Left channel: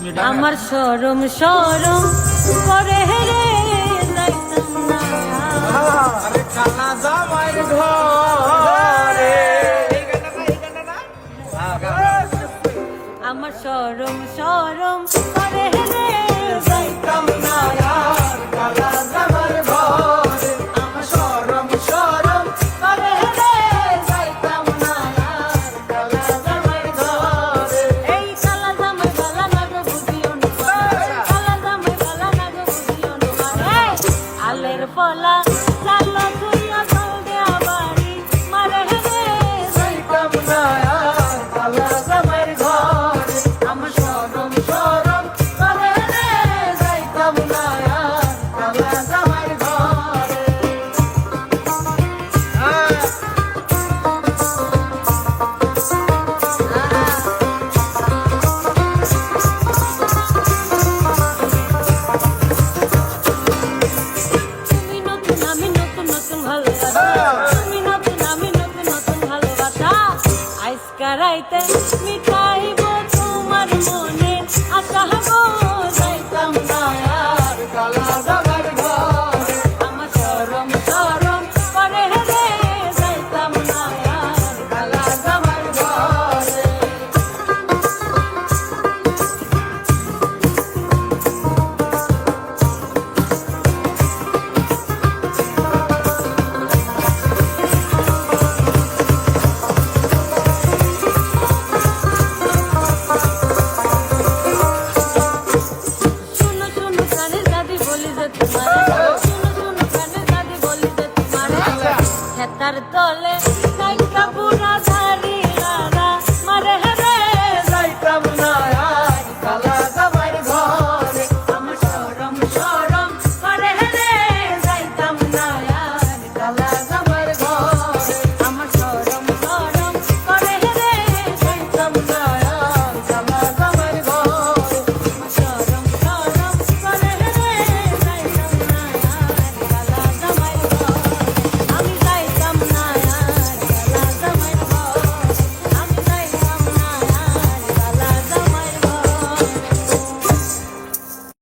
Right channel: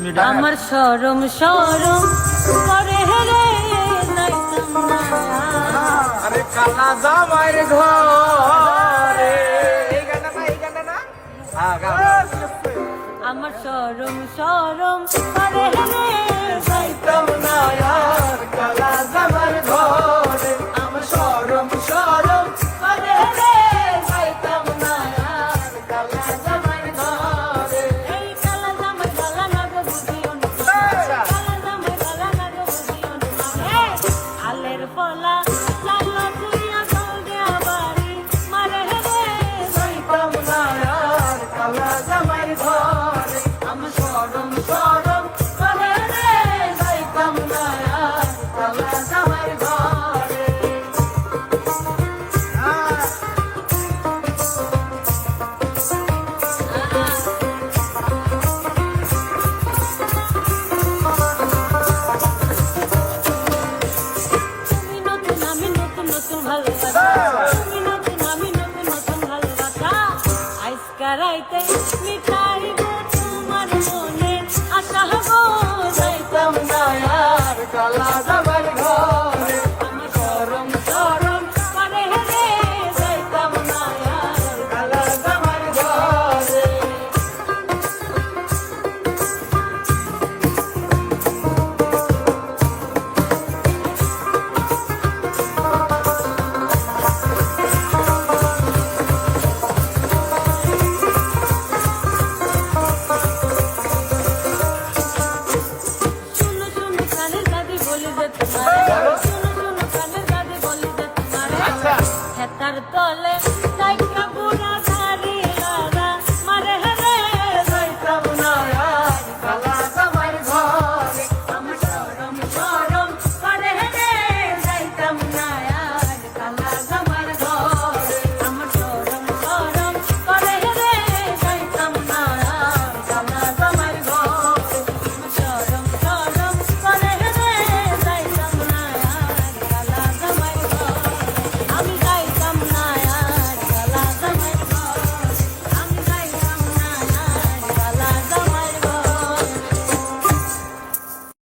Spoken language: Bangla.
আমার শরম শরম করে রে যাইতাম না আরে কালা জামাইর ঘরে এই গানটা না হ্যাঁ আমার শরম শরম করে রে যাইতাম না কালা জামাইর ঘরে আমার শরম শরম করে রে যাইতাম না কালা জামাইর ঘরে এই কালা জামাই গালা না গো বুঝিও না কালা জামাই গালা না গো বুঝিও না আলের পলা লালো তুইয়া জল দেয়া বাড়ি মারে রে যাইতাম না কালা জামাইর ঘরে আমার শরম শরম করে রে যাইতাম না কালা জামাইর ঘরে তুমি নতুন আমি নতুন নতুন ভালোবাসা তুমি নতুন আমি নতুন নতুন ভালোবাসা আজকা রাইতে মিটাইব তোমার মনে আশা গো যাইতাম না কালা জামাইর ঘরে আমার শরম শরম করে রে যাইতাম না কালা জামাইর ঘরে শুনো শুনো কানের দাদি বলি যে তোমারে শুনো শুনো কানের দাদি বলি যে তোমারে খেতার তলে সাইকা বুড়া